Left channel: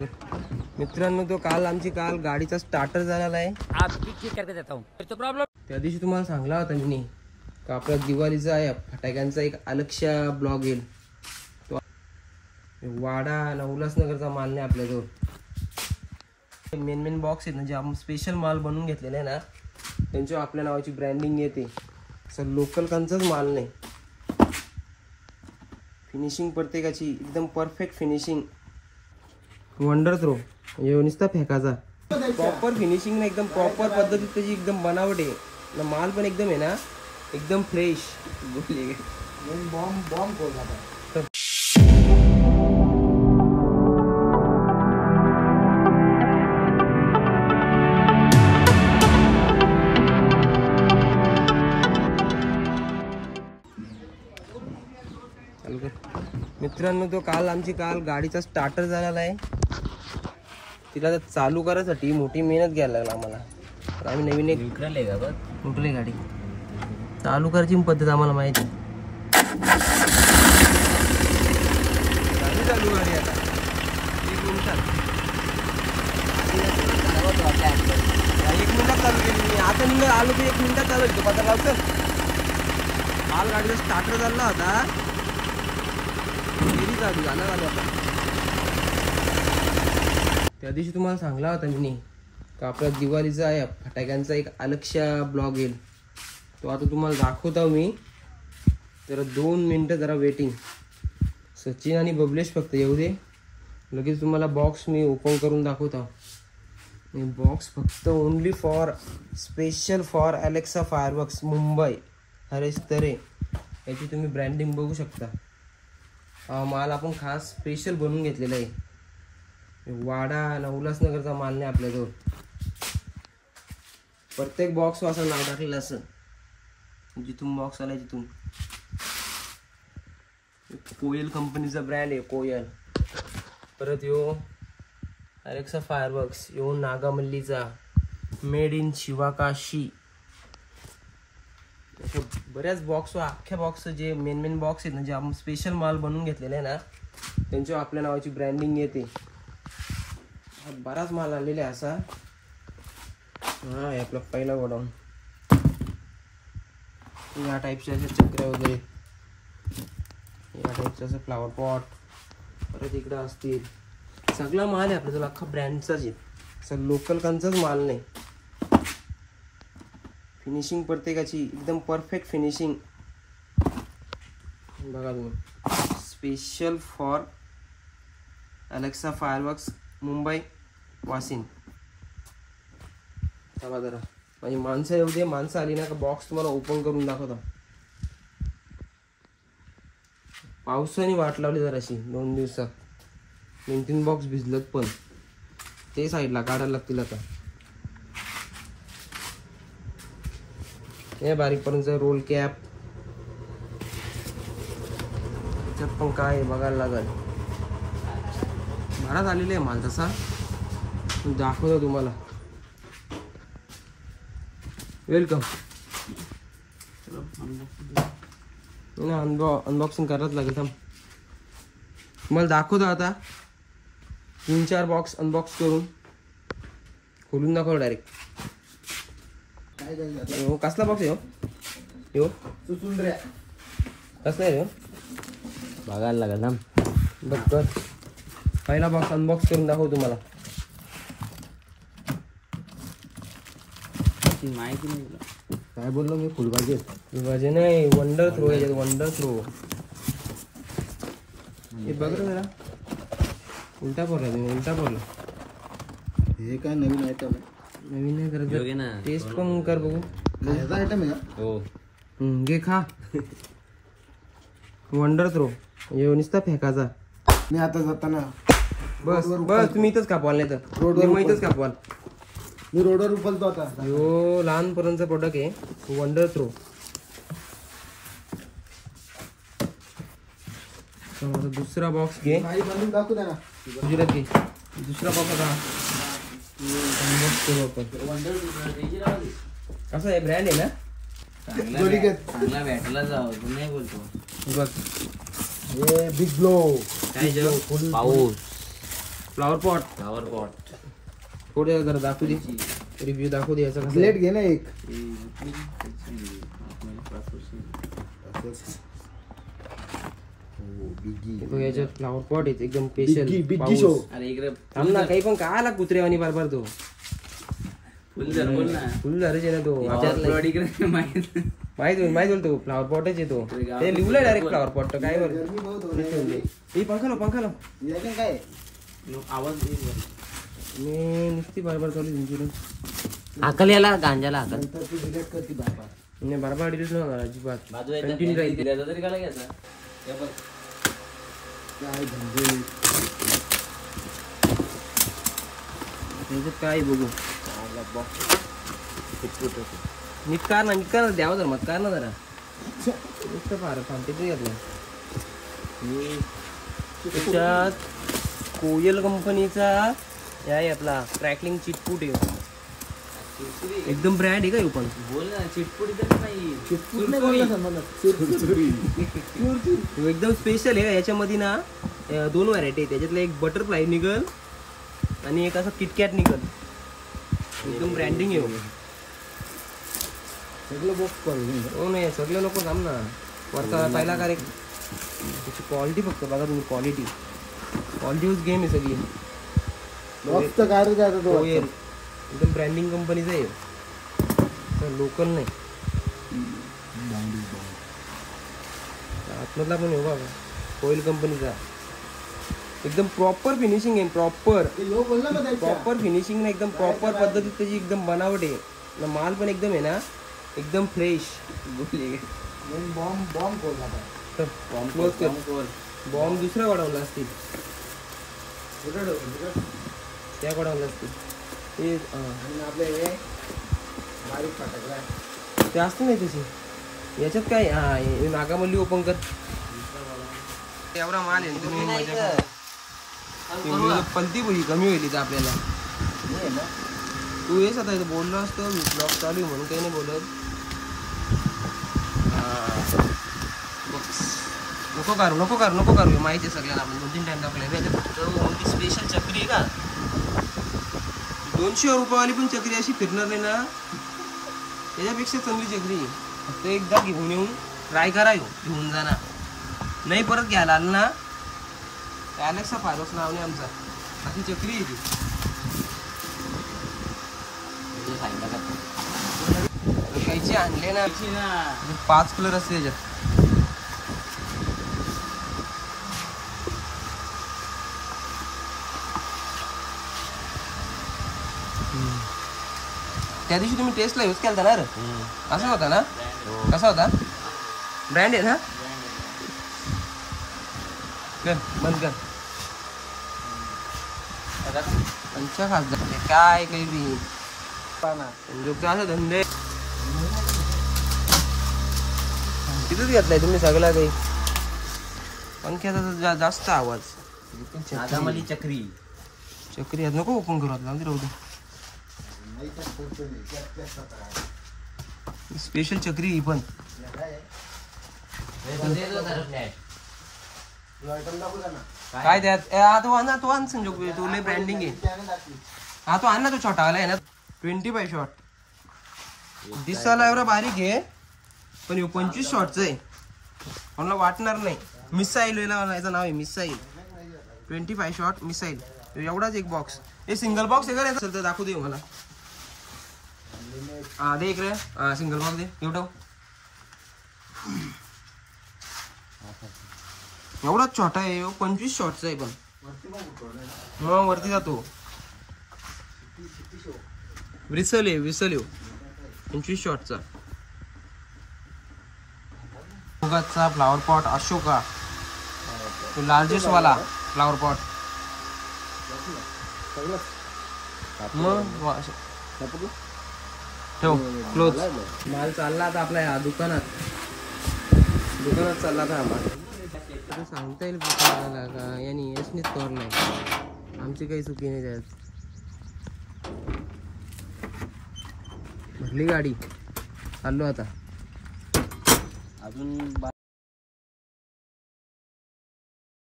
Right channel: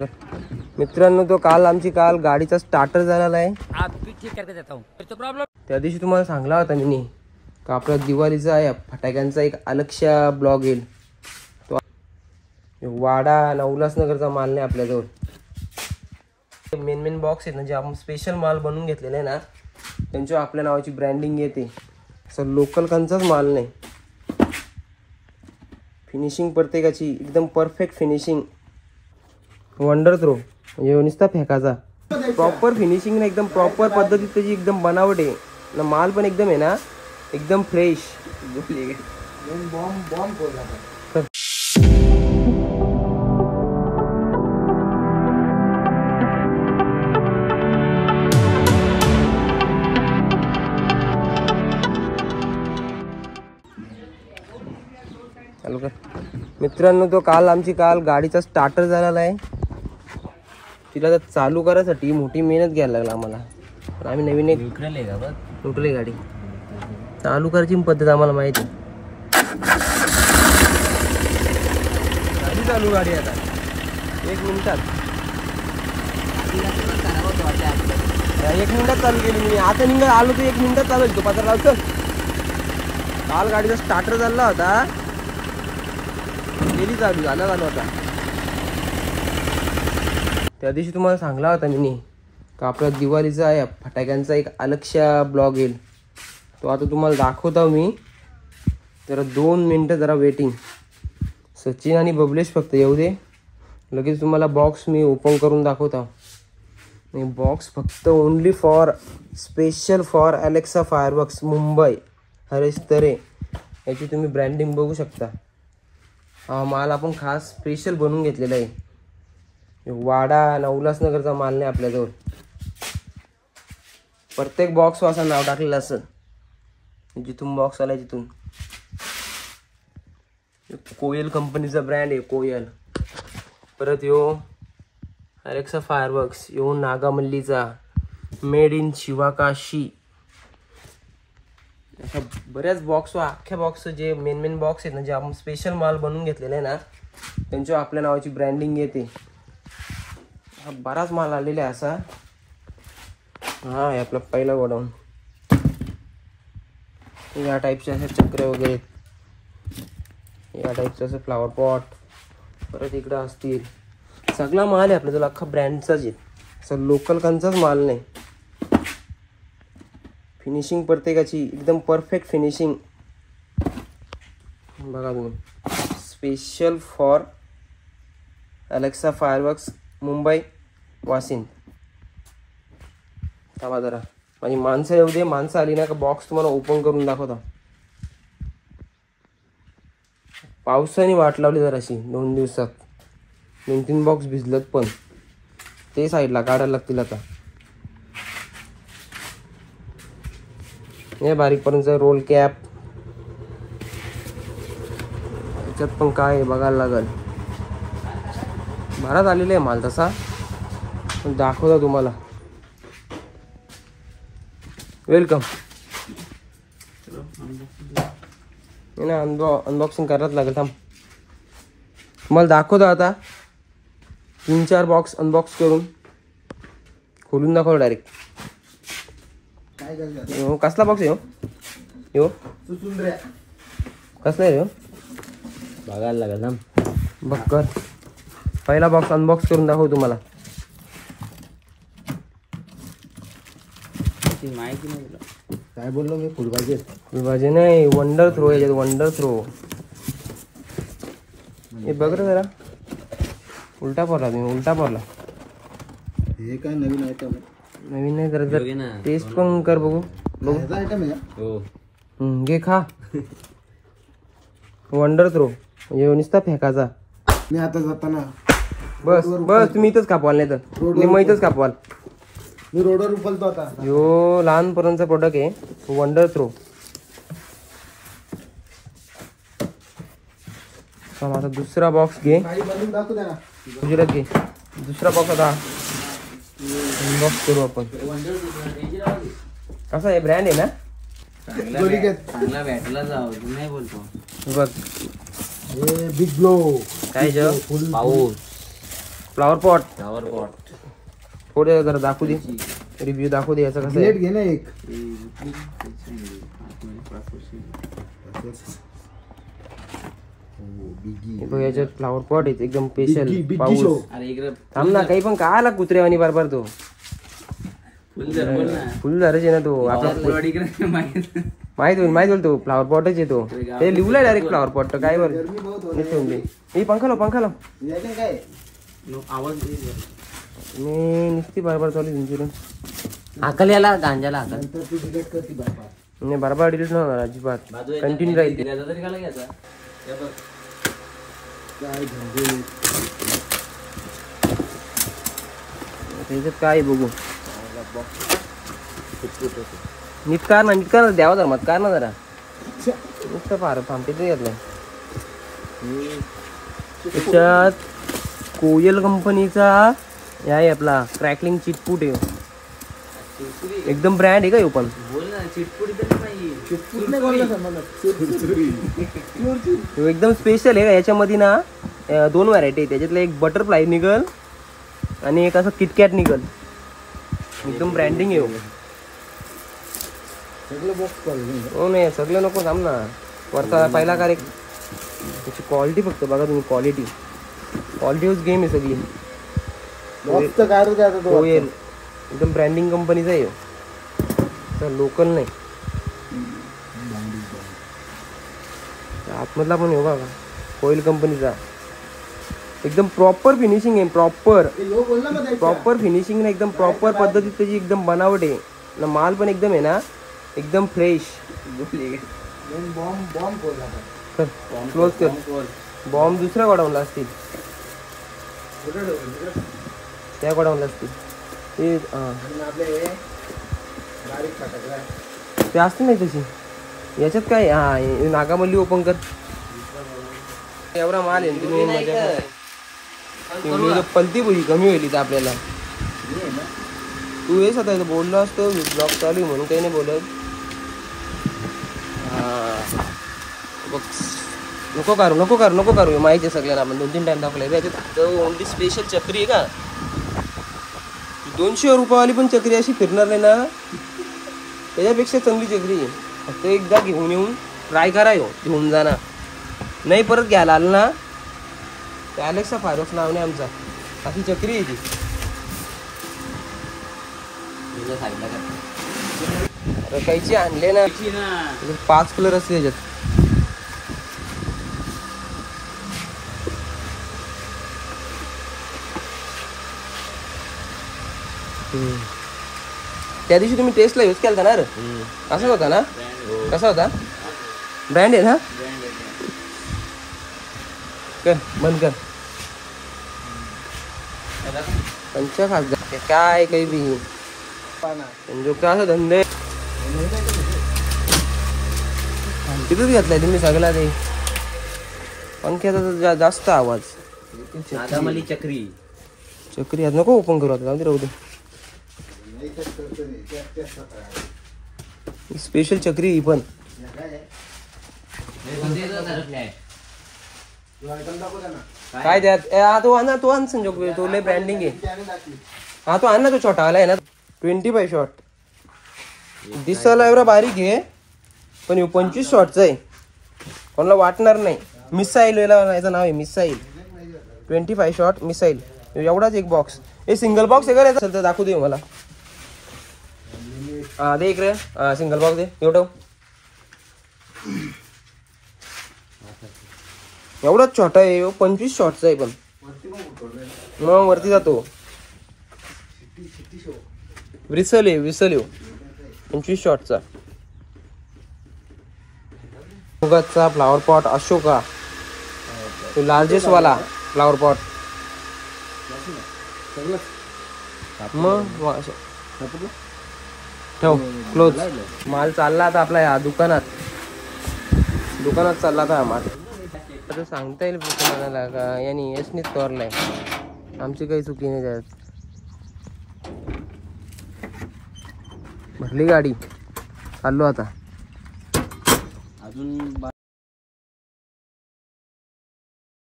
मित्रांनो, तो आमची काल गाडीचा स्टार्टर झालेला आहे. त्या दिवशी तुम्हाला सांगला होता मी का आपला दिवाळीचा आहे फटाक्यांचा एक अलगशा ब्लॉग येईल. तो वाडा आणि उल्हासनगरचा माल नाही आपल्याजवळ. मेन बॉक्स आहेत ना, जे आपण स्पेशल माल बनवून घेतलेले आहे ना, त्यांच्यावर आपल्या नावाची ब्रँडिंग येते. असं लोकल कांचाच माल नाही. फिनिशिंग प्रत्येकाची एकदम परफेक्ट फिनिशिंग. वंडर थ्रो म्हणजे नुसता फेकाचा प्रॉपर फिनिशिंग ना, एकदम प्रॉपर पद्धतीत त्याची एकदम बनावट आहे ना. माल पण एकदम आहे ना, एकदम फ्रेश. चालू कर. मित्रांनो, तो आमची काल गाडीचा स्टार्टर झालेला आहे. तिला तर चालू करायसाठी मोठी मेहनत घ्यायला लागला आम्हाला. आम्ही नवीन एक न्यूट्रल गाडी चालू करायची पद्धत आम्हाला माहिती. चालू गाडी आता 1 मिनिटात 1 मिनिटात चालू केली मी. आता मिनिट आलो की 1 मिनिटात चालू येतो. पत्र लावतं. काल गाडीचा स्टार्टर झाला होता, गेली चालू झाला होता. त्या दिवशी तुम्हाला सांगला होता मी का आपला दिवाळीचा आहे फटाक्यांचा एक अलगशा ब्लॉग येईल. तो आता तुम्हाला दाखवतो मी. जरा 2 मिनिटं जरा वेटिंग. सचिन आणि बबलेश फक्त येऊ दे, लगेच तुम्हाला बॉक्स मी ओपन करून दाखवतो. बॉक्स फक्त only for special for Alexa fireworks Mumbai Haresh Tare. याची तुम्ही ब्रँडिंग बघू शकता. हा माल आपण खास स्पेशल बनवून घेतलेला आहे. वाडा आणि उल्हासनगरचा माल नाही आपल्याजवळ. प्रत्येक बॉक्स असं नाव टाकलेलं असं. जिथून बॉक्स आलाय तिथून कोयल कंपनीचा ब्रँड आहे, कोयल. परत यो अलेक्सा फायरवर्क्स, यो नागामल्लीचा, मेड इन शिवाकाशी. अशा बऱ्याच बॉक्स, अख्ख्या बॉक्स जे मेन बॉक्स आहेत ना, जे आपण स्पेशल माल बनवून घेतलेले आहे ना, त्यांच्यावर आपल्या नावाची ब्रँडिंग येते. बराच माल आलेला आहे असा. हा हे आपला पहिला गोडाऊन. या टाईपचे असे चक्र वगैरे, या टाईपचं असं फ्लावर पॉट. परत इकडं असतील. सगळा माल आहे आपल्या तुला, अख्खा ब्रँडचाच आहे. असं लोकल कांचाच माल नाही. फिनिशिंग प्रत्येकाची एकदम परफेक्ट फिनिशिंग. बघा तुम्ही, special for Alexa fireworks Mumbai Washim. थांबा जरा, माझी माणसं येऊ दे. माणसं आली ना का बॉक्स तुम्हाला ओपन करून दाखवतो. पावसाने वाट लावली जराशी 2 दिवसात. 2-3 बॉक्स भिजलत, पण ते साईडला काढायला लागतील आता. हे बारीकपर्यंत रोल कॅप. त्याच्यात पण काय बघायला लागेल. बराच आलेला आहे माल तसा, पण दाखवतो तुम्हाला. वेलकम. ना अनबॉक्सिंग करायला लागेल. थांब, तुम्हाला दाखवतो आता. 3-4 बॉक्स अनबॉक्स करून खोलून दाखव डायरेक्ट. कसला बॉक्स आहे हो? कसला आहे हो? बघायला लागेल. थांब बघ कर. पहिला बॉक्स अनबॉक्स करून दाखव तुम्हाला. माहिती नाही तुला काय बोललो मी? फुलभाजी नाही, वंडर थ्रो आहे. वंडर थ्रो हे बघ रे जरा. उलटा पडला तुम्ही, उलटा पडला. हे काय नवीन आयटम? नवीन नाही, जरा टेस्ट पण कर बघू. आयटम आहे हो. घे खा. वंडर थ्रो म्हणजे नुसता फेकाचा. मी आता जाताना बस तुम्ही इथंच कापवाल, नाही तर मग इथंच कापवाल. मी रोडवर उचलतो आता. यो लहानपर्यंतचा प्रोडक्ट आहे, वंडर थ्रो. आता दुसरा बॉक्स घे. गुजरात घे. दुसरा बॉक्स आता अनबॉक्स करू आपण. कसा आहे? ब्रँड आहे ना, चांगला भेटला जाऊ नाही बोलतो. बघ बिग ब्लो काय पाऊस. फ्लावर पॉट थोडे जरा दाखवू दे, रिव्ह्यू दाखवू दे याचा कसं आहे. घे ना एक. हे बघ याच्यात फ्लावर पॉट आहे एकदम स्पेशल. बिग्गी शो. थांब ना, काही पण काय आला कुत्र्यावानी बारबार तो फुल झाडाचे ना तो. माहित होईल तो फ्लावर पॉटच येतो. ते लिहूला डायरेक्ट फ्लावर पॉट तर काय वर हे पंखा लाव काय आवाज मी नुसती बारबार चालू तुमची अकल याला गांजाला अकल नंतर ती डिलीट करते बाबा. नाही बारबार डिलीट नाही अजिबात कंटिन्यू राहील. काय धंदे. त्याच्यात काय बघू नीट कार ना द्यावा जरा मत कार ना जरा नुसतं फार थांबते घेतलं. त्याच्यात कोयल कंपनीचा हे आहे आपला क्रॅकलिंग चिटपूट आहे. एकदम ब्रँड आहे का हे पण. एकदम स्पेशल आहे. याच्यामध्ये ना 2 व्हरायटी आहे. त्याच्यातलं एक बटरफ्लाय निघल आणि एक असं किटकॅट निघल. एकदम ब्रँडिंग आहे. सगळं बॉक्स करू. हो नाही सगळं नको थांब ना. वरचा पहिला कार एक त्याची क्वालिटी फक्त बघा तुम्ही. क्वालिटी यूज गेम आहे सगळी. बॉक्स तर काय रे आता तो. कोयल एकदम ब्रँडिंग कंपनीचा आहे. लोकल नाही. आतमधला पण हो बघा कोयल कंपनीचा. एकदम प्रॉपर फिनिशिंग आहे. प्रॉपर फिनिशिंग ना एकदम प्रॉपर पद्धतीत त्याची एकदम बनावट आहे ना. माल पण एकदम आहे ना एकदम फ्रेश. बॉम्ब क्लोज कर. बॉम्ब दुसऱ्या गोडाऊनला असतील. त्या गोडाऊनला असतील ते. आपले बारीक फटाकला ते असते नाही तशी. याच्यात काय नागामल्ली ओपन कर. एवढा माल आहे तुम्ही मजा पलती बोली कमी होईल इथं आपल्याला. तू हेच आता बोललो असतो ब्लॉग चालू आहे म्हणून काही नाही बोलत. नको करू माहिती आहे सगळ्यांना. आपण 2-3 टाइम टाकले. ओनली स्पेशल चक्री आहे का 200 रुपयावाली पण चक्री अशी फिरणार नाही ना. त्याच्यापेक्षा चांगली चक्री आहे. फक्त एकदा घेऊन येऊन ट्राय करायो. घेऊन जाणार नाही परत घ्यायला आलं ना. अलेक्सा फायरॉक्स नाव नाही आमचा. अशी चक्री आहे ती. रकायची आणले ना 5 कलर असते त्याच्यात. त्या दिवशी तुम्ही टेस्टला यूज केला ना. असाच होता ना. कसा होता. ब्रँड आहे ना. कर बंद कर. 50,000 काय काही संजोगचा असं धंदे तिथंच घेतलाय तुम्ही सांगला नाही. पंख्याचा जास्त आवाज. चक्री आज नको ओपन करू आता. जाऊ दे राहू दे. स्पेशल चक्री ही पण. काय द्या तो आण ना. तो आण संजोग. तो लय ब्रँडिंग आहे. हा तो आण ना. तो छोटा वाला आहे ना 25 शॉट. दिसायला एवढा बारीक आहे पण 25 शॉटचा आहे. कोणाला वाटणार नाही. मिसाईल याचं नाव आहे मिसाईल. 25 shot missile. एवढाच एक बॉक्स. हे सिंगल बॉक्स आहे का तर दाखवू दे मला. हा दे इकडे. सिंगल बॉक्स दे. एवढं एवढाच छोटा आहे. 25 शॉटचा आहे पण मग वरती जातो. विसल 25 शॉटचा. मुगाचा फ्लावर पॉट अशोका. तो लार्जेस्ट वाला फ्लावर पॉट. मग ठेव क्लोज. माल चालला आता आपला या दुकानात चालला का माल. आता सांगता येईल तुम्हाला का यांनी यशनीच तोरलाय. आमची काही चुकी नाही त्यात. भरली गाडी. चाललो आता.